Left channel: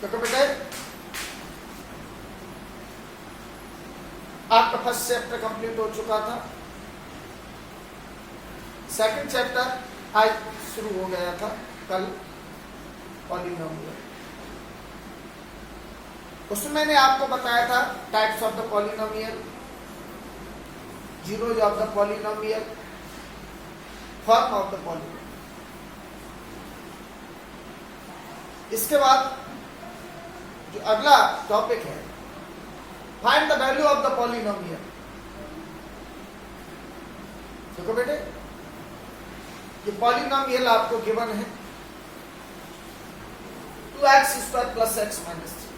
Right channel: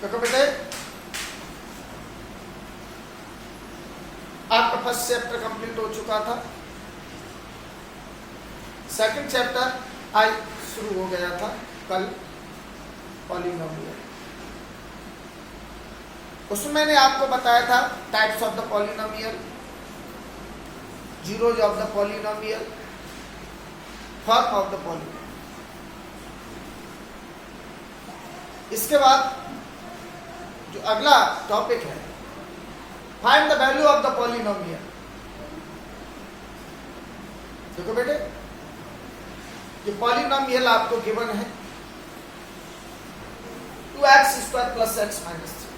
देखो बेटे, आपका फर्स्ट चैप्टर कंप्लीट हो चुका था, सेकंड चैप्टर आज शुरू हो गया था कल, पॉलिनोमियल। उसमें मैंने आपको बताया था types of the polynomial, zeros of the polynomial, form of the polynomial. इसके बाद जो अगला टॉपिक है, find the value of the polynomial. देखो बेटे, ये पॉलिनोमियल आपको गिवन है 2x² प्लस x माइनस 3,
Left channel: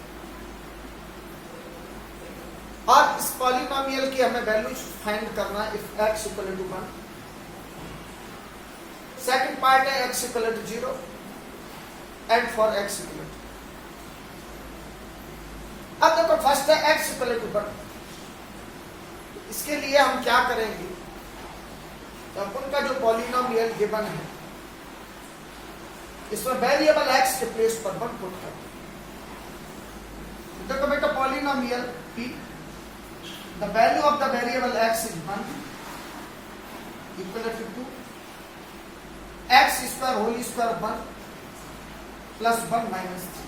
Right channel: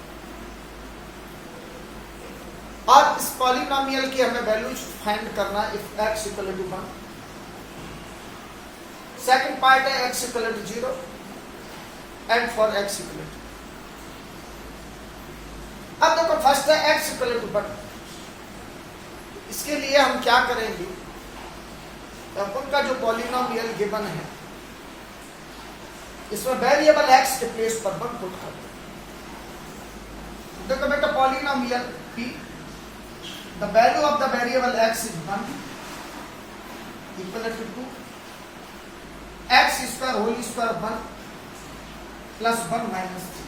और इस पॉलिनोमियल की हमें वैल्यू फाइंड करना है if x equal to 1। Second part है x equal to 0 and for x equal to. अब देखो फर्स्ट है x इक्वल टू 1, इसके लिए हम क्या करेंगे, अब उनका जो पॉलिनोमियल गिवन है इसमें वेरिएबल x के प्लेस पर 1 पुट कर दो। देखो बेटा, polynomial p, the value of the variable x is 1 equal to 2 x square whole square 1 plus 1 minus 3।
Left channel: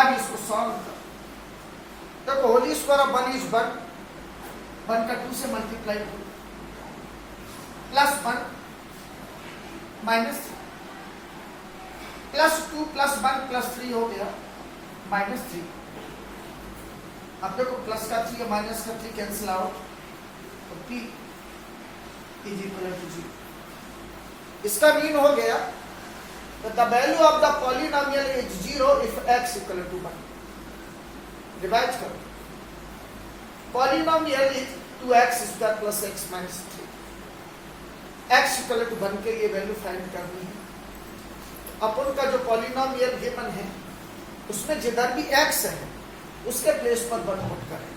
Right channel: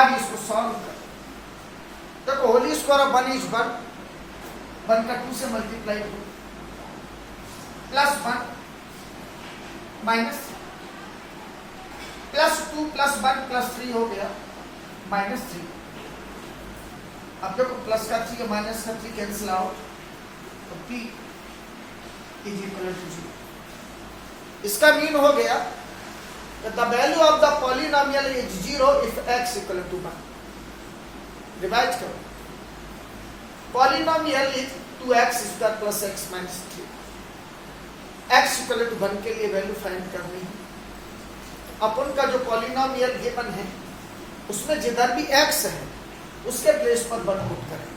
अब इसको सॉल्व कर, देखो होल स्क्वायर ऑफ 1 इज 1, 1 का 2 से मल्टीप्लाई करो, plus 1 minus 3, plus 2 plus 1 plus 3 हो गया माइनस 3। अब देखो प्लस का 3 माइनस का 3 कैंसिल आउट, तो p इज इक्वल टू 0। इसका मीन हो गया that the value of the polynomial is 0 if x equal to 1. Revise करो, polynomial is 2x² plus x minus 3, x equal to 1 के लिए वैल्यू फाइंड करनी है। अपन का जो पॉलिनोमियल गिवन है उसमें जिधर भी x है उसके प्लेस पर 1 पुट करें।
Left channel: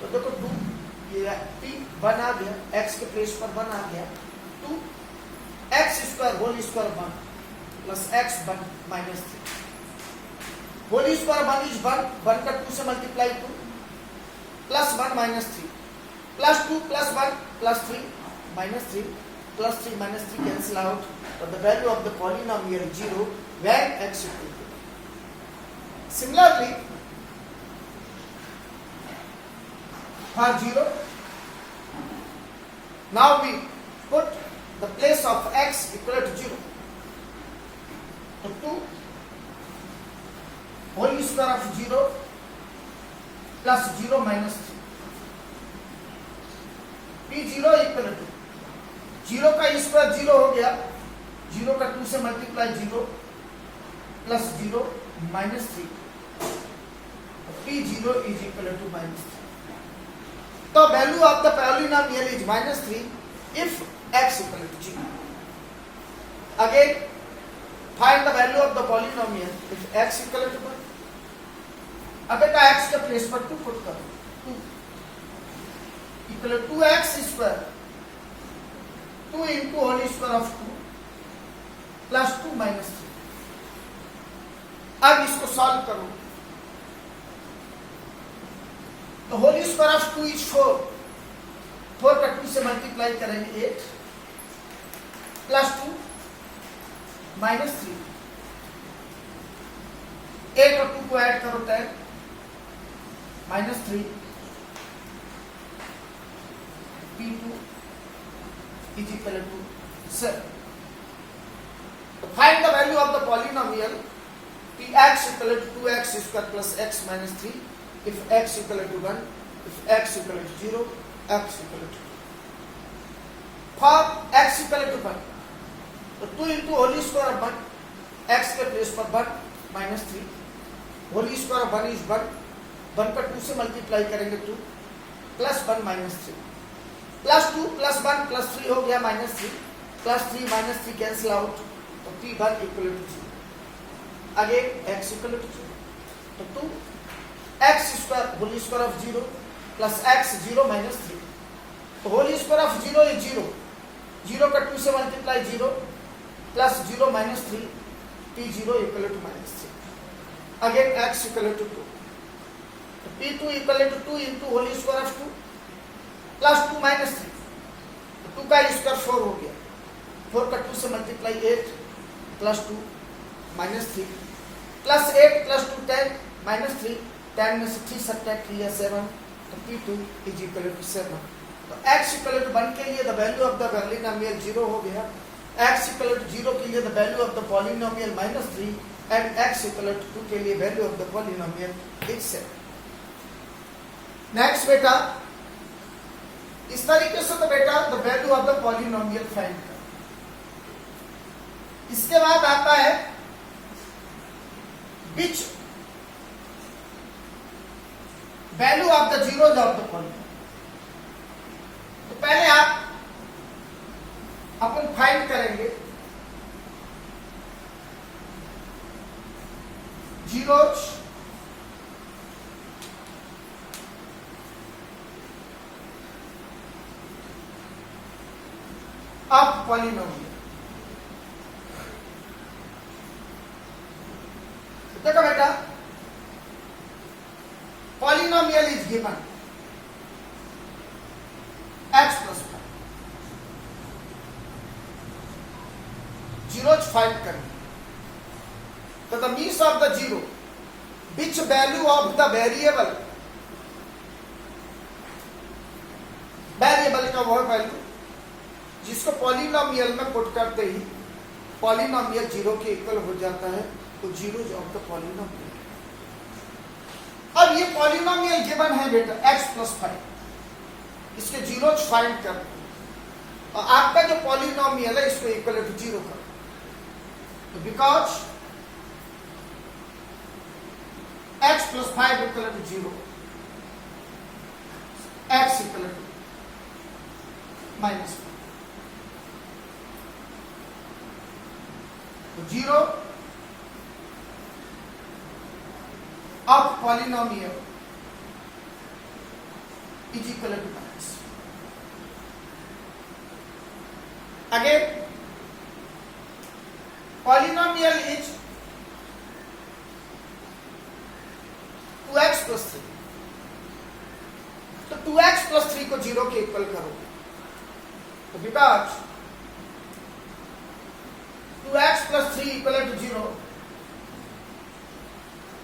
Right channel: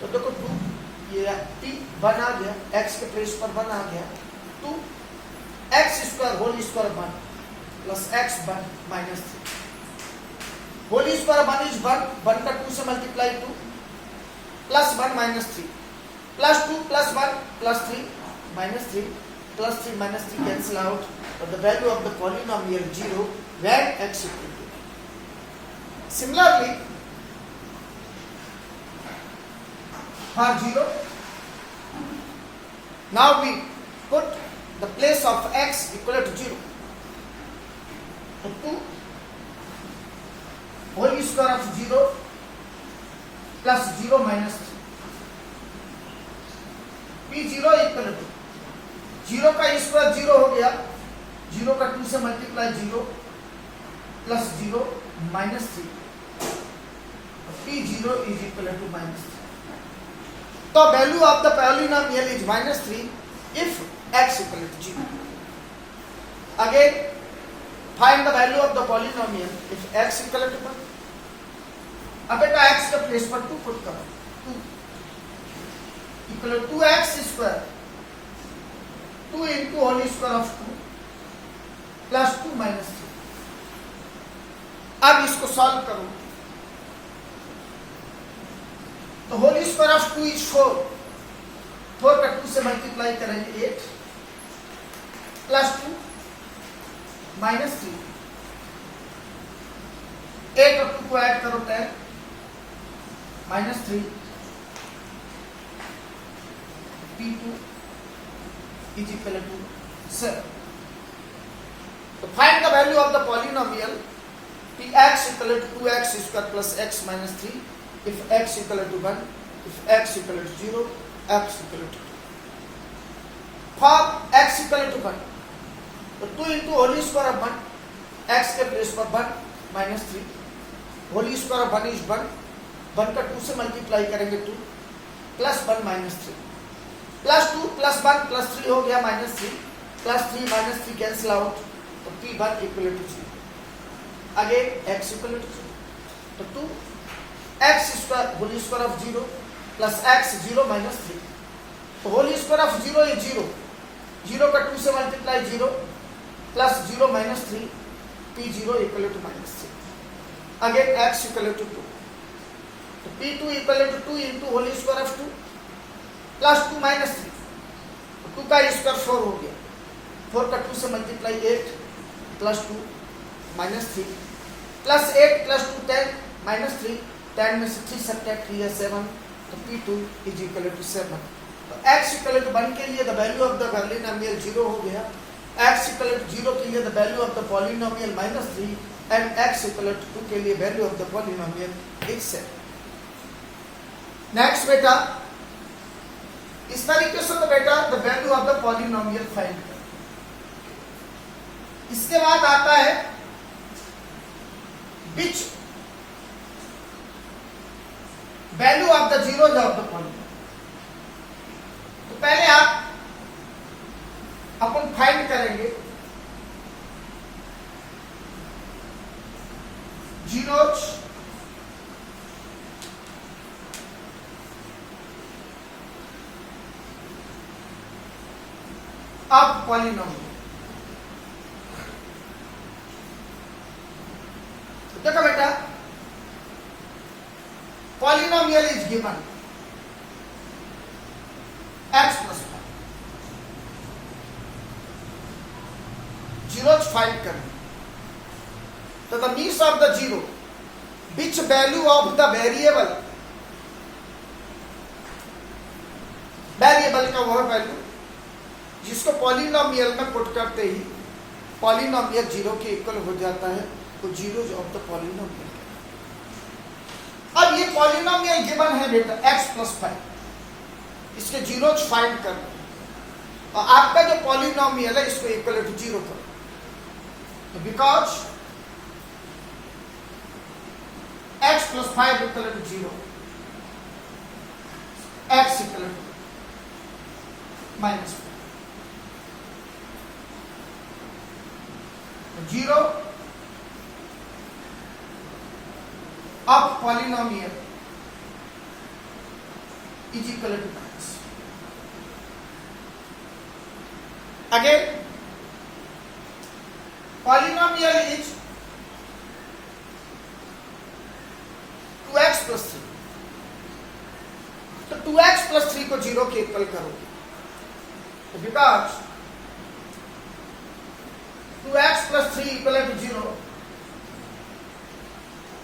तो देखो 2, ये p 1 आ गया, x के प्लेस पर 1 आ गया, 2x² whole square 1 plus x 1 minus 3, whole square 1 is 1, 1 का 2 से multiply 2 plus 1 minus 3, plus 2 plus 1 plus 3 minus 3, plus 3 minus 3 cancel out, और the value of the polynomial 0 when x equal to 1. Similarly, for 0, now we put the place of x equal to 0. 2 whole square of 0 plus 0 minus 3, p 0 equal to 0 का square 0 हो गया, 0 का 2 से multiply 0 plus 0 minus 3, p 0 is equal to minus 3। तो value of the polynomial is minus 3 if x equal to 0। Again find the value of the polynomial if x equal to 1. अब बेटा x के place पर 2 put करो, 2 equal to 2x square 2 into whole square of 2 plus 2 minus 3। अब इसको solve करो, तो whole square of 2 is 4, 4 का 2 से मल्टीप्लाई करेंगे 8 प्लस 2 माइनस 3, 8 और 2 को ऐड करो 10 minus 3, p2 is equal to 7। तो find the value of the polynomial px equal to 2x square plus x minus 3 if x equal to 1, if x equal to 0, x equal to 2। For x equal to 1, तो 2 into whole square of 1, x के place पर 1 minus 3, whole square of 1 is 1, 1 का 2 से multiply करेंगे 2 plus 1 minus 3, plus 2 plus 1 plus 3 हो गया minus 3, plus 3 minus 3 cancel out, तो p1 equal to 0। Again x equal to 0, तो 2x square whole square of 0 plus x 0 minus 3, तो whole square of 0 is 0, 0 का 2 से multiply 0 plus 0 minus 3 P0 equal to minus 3. Again x equal to 2. So P2 equal to 2 into whole square of 2 plus 2 minus 3. तो 2 का square 4 हो गया. 4 का 2 से multiply 8 plus 2 minus 3 plus 8 plus 2 10 minus 3. 10 में से 3 सब्ट्रैक्ट 3 है 7. तो P2 is equal to 7. तो x equal to 1 के लिए the value of the polynomial 0 हो गया. x equal to 0 के लिए the value of the polynomial minus 3 and x equal to 2 के लिए value of the polynomial is 7. Next बेटा, इस तरीके से तो बेटा the value of the polynomial find कर. इसके बाद आता है which value of the zeros of the polynomial. तो पहले आप अपन फाइंड करेंगे जीरोज ऑफ पॉलिनोमियल. देखो बेटा, polynomial is given x plus 5. Zeros find करना. तो the means of the zero which value of the variable, variable का वह वैल्यू जिसको पॉलिनोमियल में पुट करते ही पॉलिनोमियल जीरो के इक्वल हो जाता है, तो जीरोज ऑफ द पॉलिनोमियल. अब ये पॉलिनोमियल गिवन है बेटा x plus 5. इसके जीरोज फाइंड करना और आपका जो पॉलिनोमियल है इसको इक्वल टू 0 करो. Because x plus 5 equal to 0, x equal to minus 0 of polynomial is equal to minus. Again, polynomial is 2x plus 3. तो 2x plus 3 को 0 के इक्वल करोगे. तो because 2x plus 3 equal to 0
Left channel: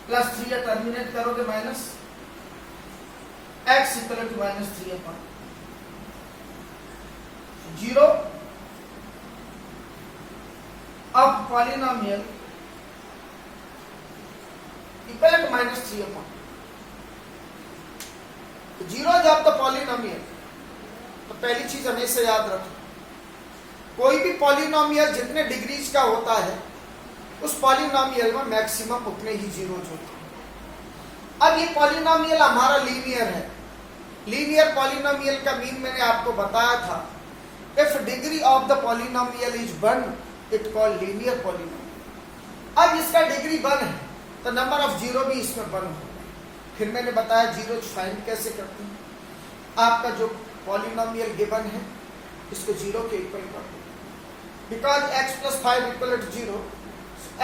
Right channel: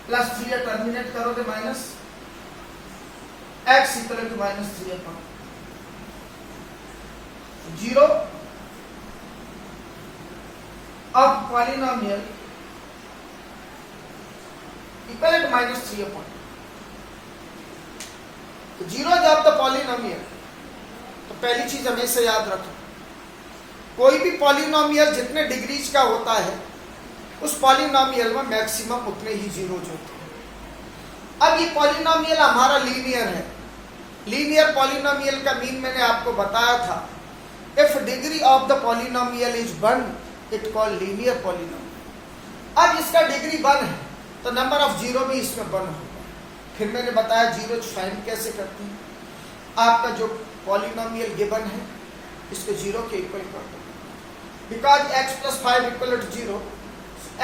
plus 3 terminate करोगे minus x equal to minus 3 upon 0 of polynomial equal to minus 3 upon. Zeros of the polynomial. तो पहली चीज हमेशा याद रखो, कोई भी पॉलिनोमियल जितने डिग्रीज का होता है उस पॉलिनोमियल में मैक्सिमम उतने ही जीरोज होते हैं. अब ये पॉलिनोमियल हमारा लीनियर है. लीनियर पॉलिनोमियल का मीन मैंने आपको बताया था. If degree of the polynomial is 1 it called linear polynomial. अब इसका डिग्री 1 है तो नंबर ऑफ जीरो भी इसमें 1 होगा. फिर मैंने बताया जीरोज फाइंड कैसे करते हैं. आपका जो पॉलिनोमियल गिवन है इसको 0 के इक्वल कर दो. Because x plus 5 equal to 0,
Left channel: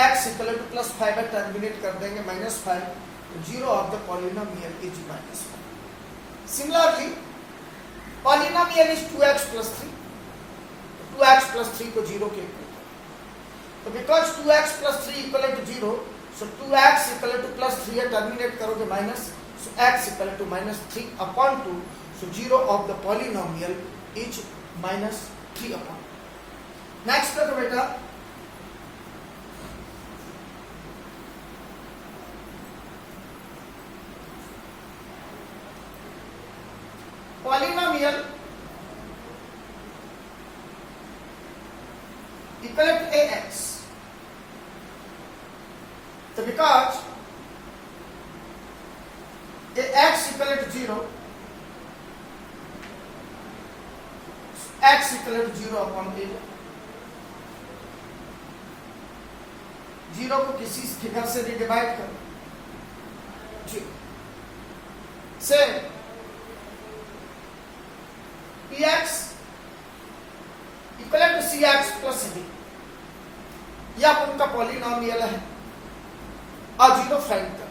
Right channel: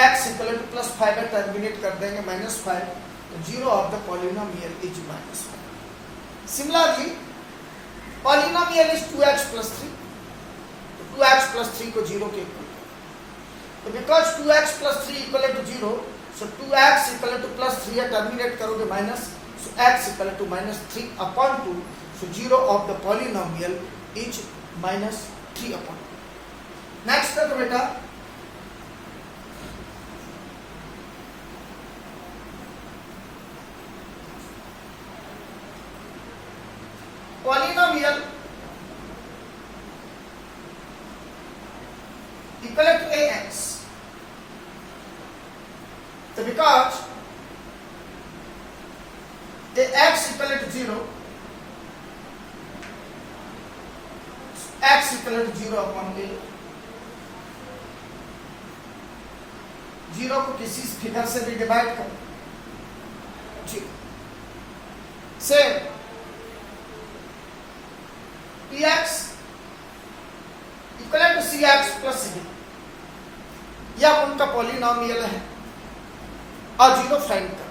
x equal to plus 5 terminate कर देंगे माइनस 5. तो 0 of the polynomial is minus 5. Similarly polynomial is 2x plus 3. 2x plus 3 को 0 के इक्वल. तो because 2x plus 3 equal to 0, so 2x equal to plus 3 terminate करोगे minus, so x equal to minus 3 upon 2. So 0 of the polynomial is minus 3 upon. Next करो बेटा, polynomial equal to ax. So because x equal to 0, x equal to 0 upon a. 0 को किसी figure से भी divide करो 0. Same px equal to cx plus d. यह उनका polynomial है और जीरो फाइंड कर।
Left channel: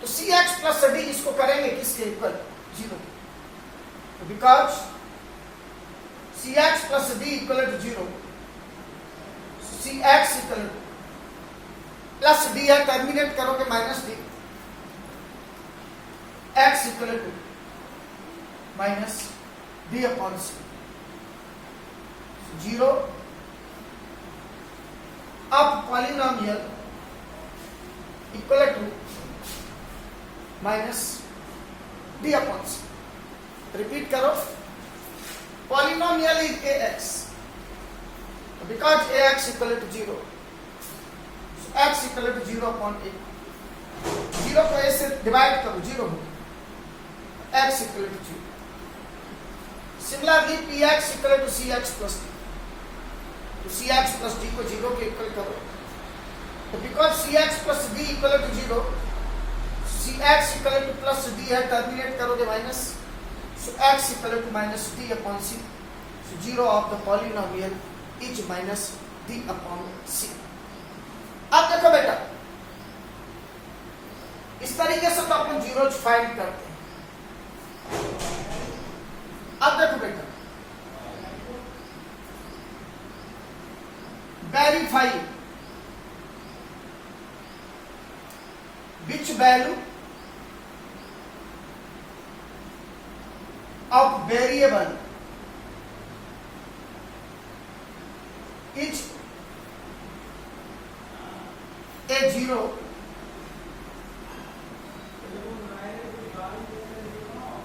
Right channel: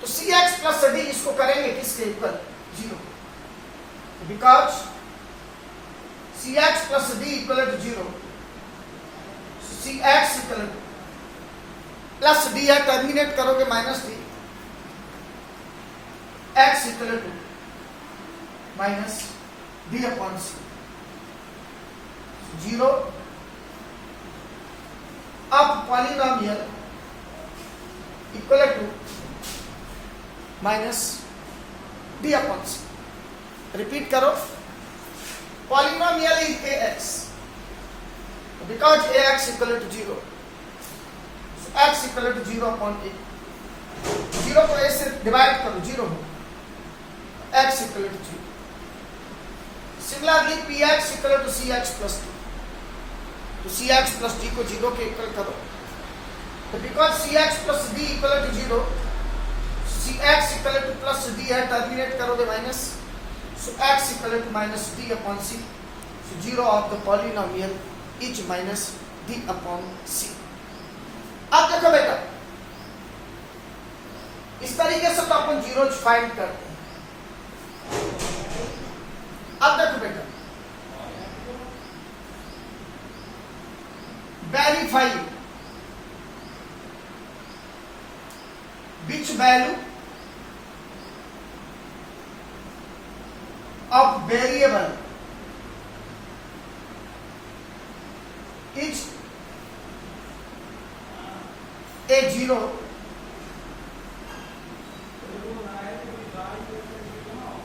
तो सी एक्स प्लस डी इसको करेंगे किसके equal? Zero. Because C X plus D equal to zero, C X equal plus D है, टर्मिनेट करोगे minus D, X equal to minus D upon C, zero. अब polynomial equal to minus D upon C. Repeat करो, polynomial is A X, because A X equal to zero, X equal to zero upon A, zero को A से divide करो, zero हो, X equal to zero. Similarly P x equal to C X plus D, तो C X plus D को zero के equal करो, तो because C X plus D equal to zero, C X equal to plus D है, terminate करोगे minus, so X equal to minus D upon C, zero of the polynomial is minus D upon C. अब देखो बेटा, इस तरीके से तो अपन zero find करते हैं। अब देखो बेटा, verify which value of variable is a zero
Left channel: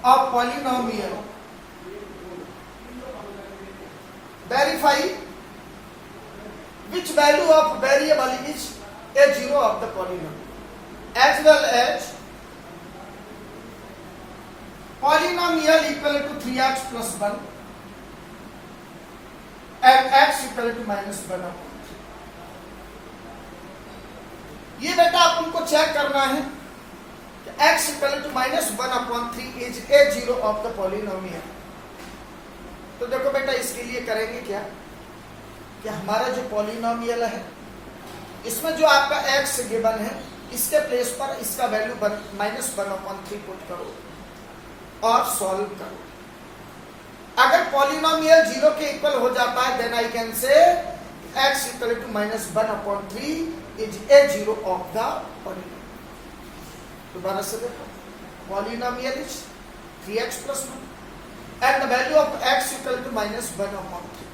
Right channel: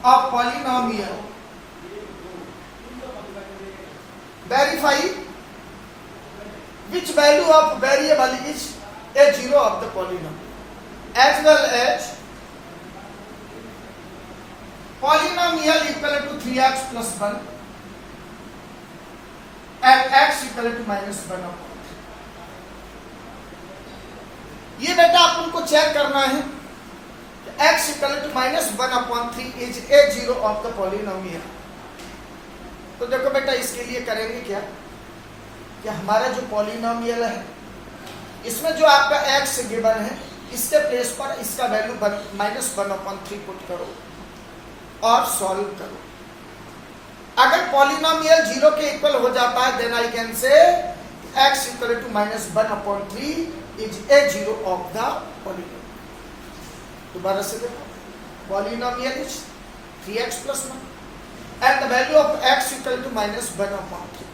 of polynomial. Verify which value of variable is a zero of the polynomial, as well as polynomial equal to 3x plus 1 and x equal to minus 1 upon 3. ये बेटा आप उनको check करना है कि x equal to minus 1 upon 3 is a zero of the polynomial. तो देखो बेटा, इसके लिए करेंगे क्या कि हमारा जो पॉलिनोमियल है इसमें जो आपका x गिवन है, इसके प्लेस पर इसका वैल्यू माइनस 1 अपॉन 3 पुट करो और सॉल्व करो। अगर पॉलिनोमियल जीरो के इक्वल हो जाता है, then I can say x equal to minus 1 upon 3 is a zero of the polynomial. दोबारा से देखो, polynomial is 3x plus 1 and the value of x equal to minus 1 upon 3.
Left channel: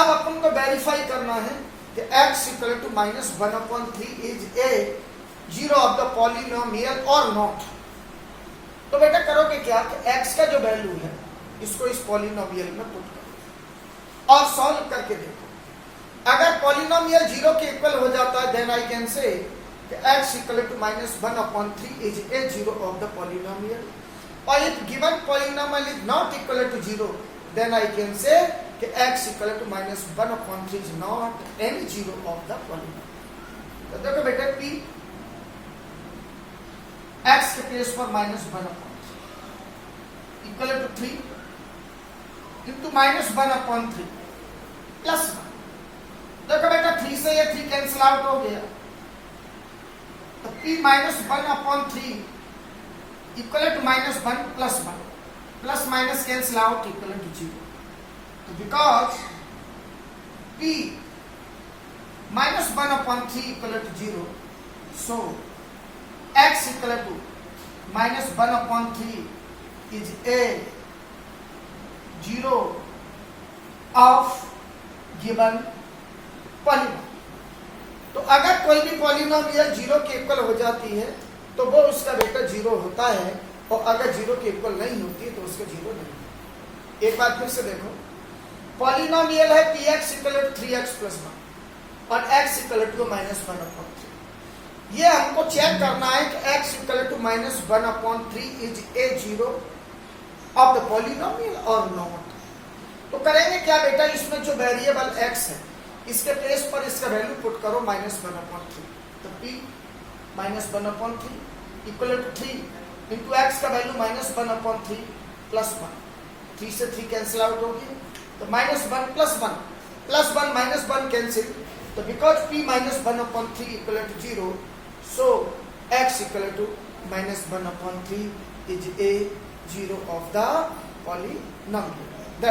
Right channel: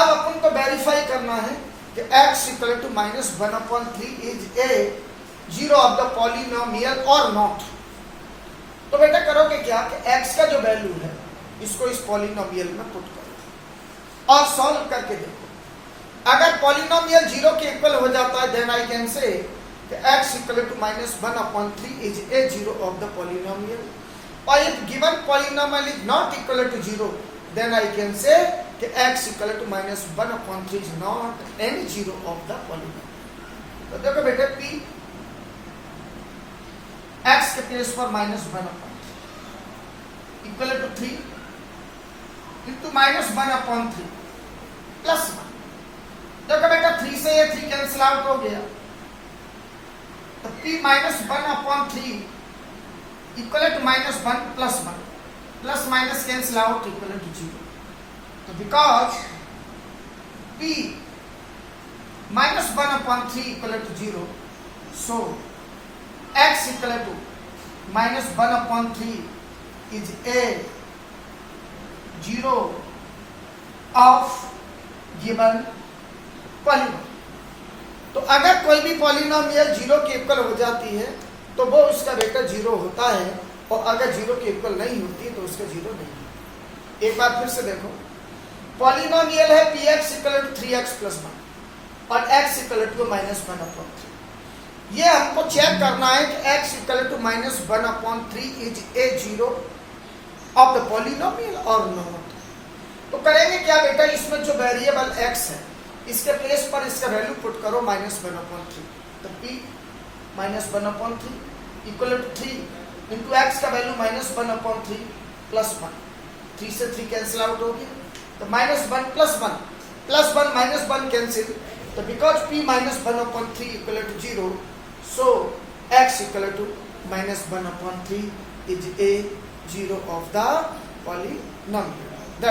अब अपन को verify करना है कि x equal to minus 1 upon 3 is a zero of the polynomial or not. तो बेटा करोगे क्या कि x का जो वैल्यू है इसको इस पॉलिनोमियल में पुट करो और सॉल्व करके देखो। अगर पॉलिनोमियल जीरो के इक्वल हो जाता है, देन आई कैन से कि x equal to minus 1 upon 3 is a zero of the polynomial. Or if given polynomial is not equal to 0, then I can say कि x equal to minus 1 upon 3 is not any zero of the polynomial. तो देखो बेटे, p x के place पर minus 1 upon 3 equal to 3 into minus 1 upon 3 plus 1। देखो बेटा, 3 से ये 3 कैंसिल आउट हो गया, तो p minus 1 upon 3 equal to minus 1 plus 1, plus minus cancel out equal to 0। तो because p minus 1 upon 3 equal to 0, so x equal to minus 1 upon 3 is a zero of given polynomial. तो अगर कोई भी polynomial zero के equal हो जाती है तो वो उसका बेटा जीरो होता है, और अगर जीरो के इक्वल नहीं होती तो उसका जीरो नहीं है। एक बार फिर से देखो, पॉलिनोमियल है p x equal to 3x plus 1 और x equal to minus 1 upon 3। ये हमको चेक करना है कि x equal to minus 1 upon 3 is a zero of the polynomial और नॉट। तो करेंगे क्या बेटा, इसमें जो वेरिएबल x है इसके प्लेस पर इसका वैल्यू पुट करो माइनस 1 अपॉन 3। तो p minus 1 upon 3 equal to 3 into x का वैल्यू माइनस 1 अपॉन 3 प्लस 1, 3 से 3 कैंसिल आउट हो गया, तो minus 1 plus 1 plus 1 minus 1 cancel. So because p minus 1 upon 3 equal to 0, so x equal to minus 1 upon 3 is a 0 of the polynomial.